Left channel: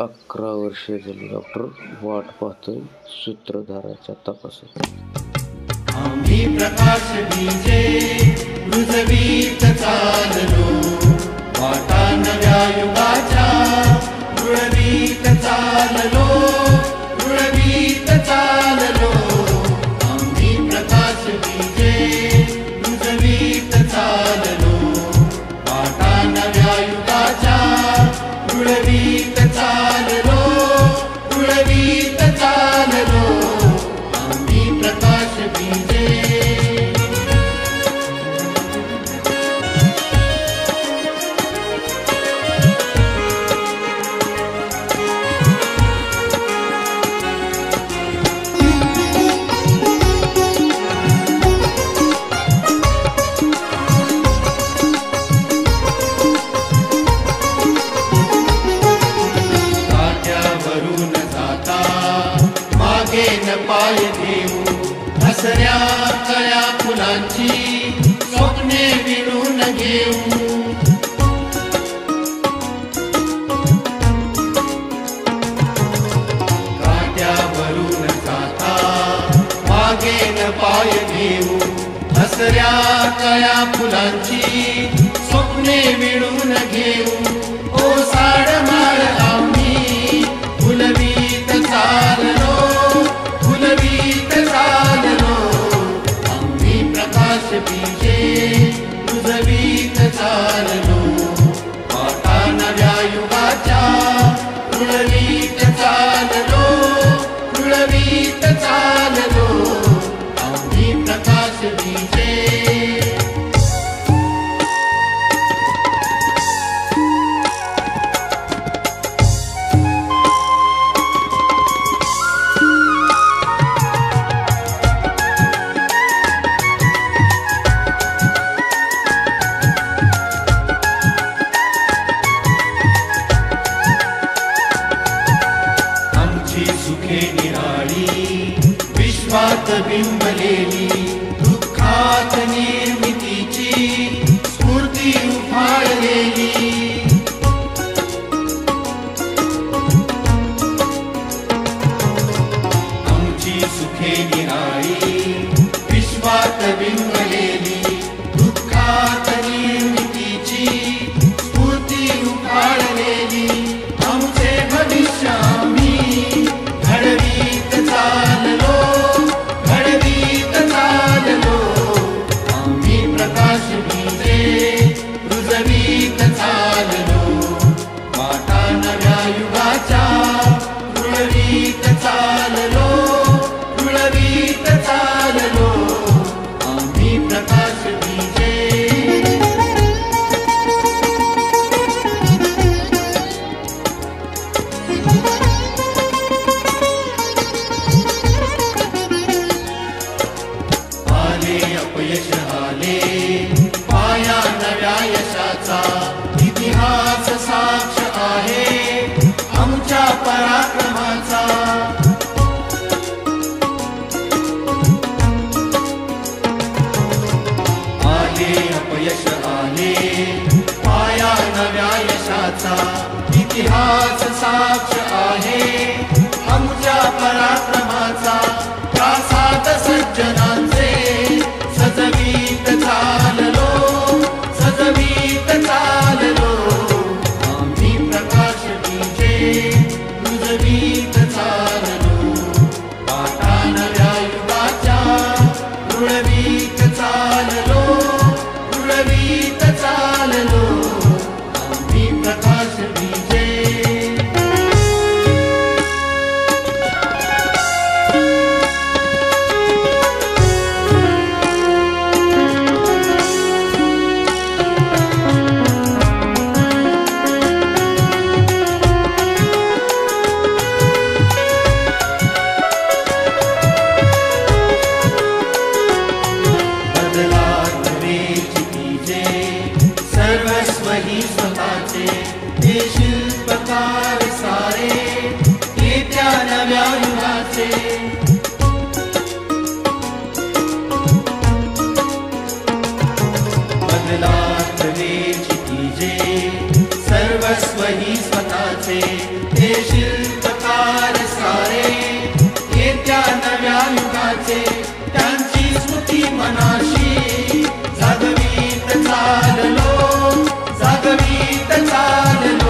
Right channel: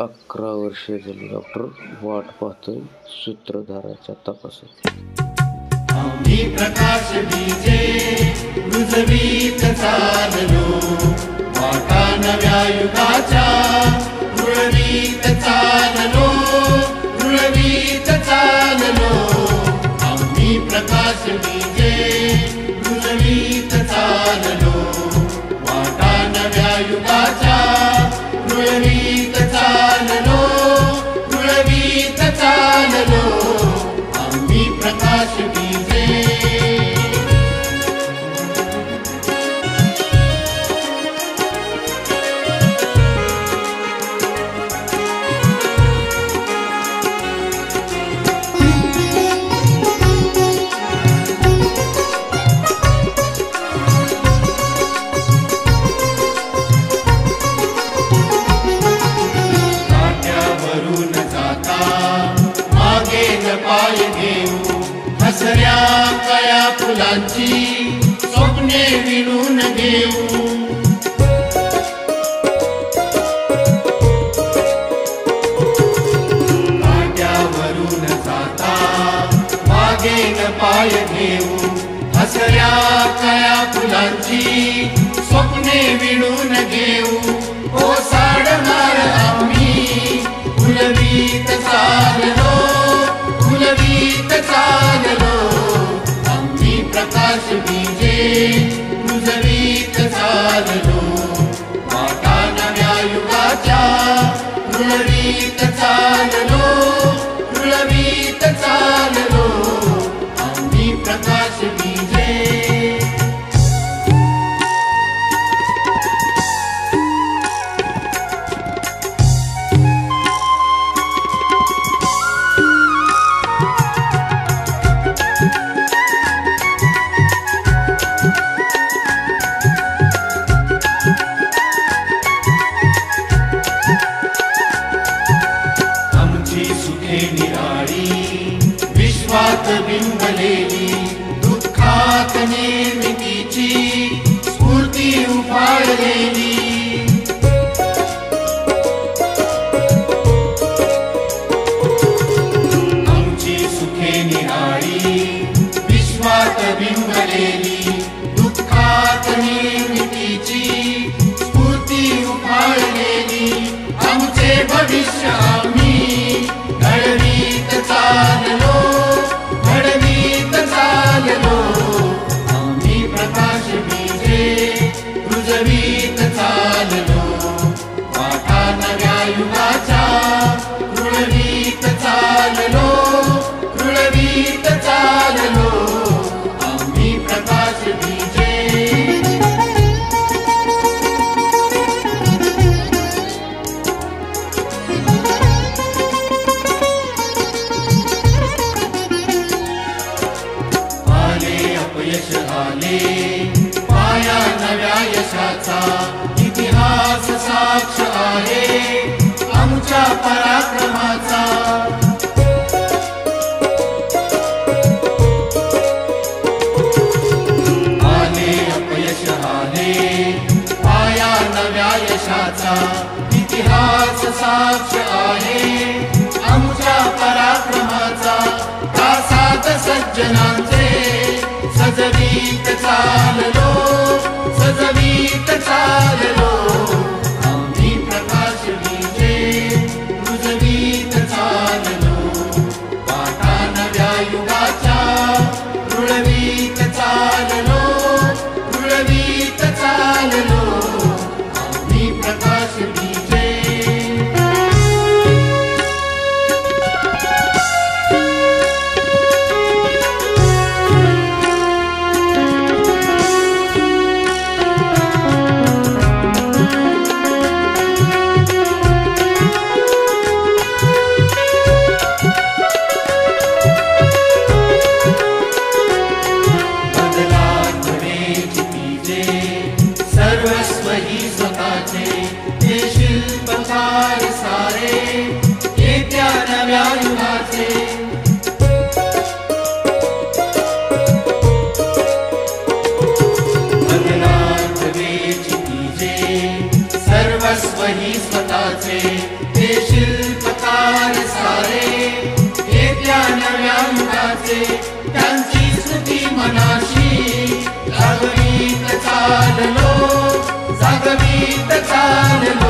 11 वर्षे झाली डॉक्टर वाट पाहतोय सूत्रधाराच्या तपासात. आम्ही प्रकाश बीजे रुजवीत चाललो, वाटा नव्या युगाच्या रुळवीत चाललो, रुळवीत चाललो. आम्ही प्रकाश बीजे रुजवीत चाललो, वाटा नव्या युगाच्या रुळवीत चाललो, रुळवीत चाललो. आम्ही प्रकाश बीजे. काट्यावरून जाता मागे न पाय घेऊ, हसऱ्या कळ्या फुलांची स्वप्ने विणून घेऊ. काट्यावरून जाता मागे न पाय घेऊ, हसऱ्या कळ्या फुलांची स्वप्ने विणून घेऊ. ओ साडमाळ आम्ही फुलवीत चाललो, फुलवीत चाललो. आम्ही प्रकाश बीजे रुजवीत चाललो, वाटा नव्या युगाच्या रुळवीत चाललो, रुळवीत चाललो. आम्ही प्रकाश बीजे. सुखे निराळी विश्वात बिंबलेली, दुःखात निर्मितीची स्फूर्ती उफाळलेली. आमची सुखे निराळी विश्वात बिंबलेली, दुःखात निर्मितीची स्फूर्ती उफाळलेली. आमचे भविष्य आम्ही घडवीत चाललो, घडवीत चाललो. आम्ही प्रकाश बीजे रुजवीत चाललो, वाटा नव्या युगाच्या रुळवीत चाललो, रुळवीत चाललो. आम्ही प्रकाश बीजे. अपयश आले पाया नव्या यशाचा, इतिहास साक्ष आहे आमच्या पराक्रमाचा. आले अपयश आले पाया नव्या यशाचा, इतिहास साक्ष आहे आमच्या पराक्रमाचा. प्रासाद सज्जनांचे सजवीत चाललो, सजवीत चाललो. आम्ही प्रकाश बीजे रुजवीत चाललो, वाटा नव्या युगाच्या रुळवीत चाललो, रुळवीत चाललो. आम्ही प्रकाश बीजे. सर्वस्व ही स्वतःचे हे शिल्पकार सारे, येत्या नव्या युगाचे. बदलात वेचितीजे सर्व सर्वस्व ही स्वतःचे हे शिल्पकार सारे येत्या नव्या युगाचे त्यांची स्मृती मनाशी जागवीत चाललो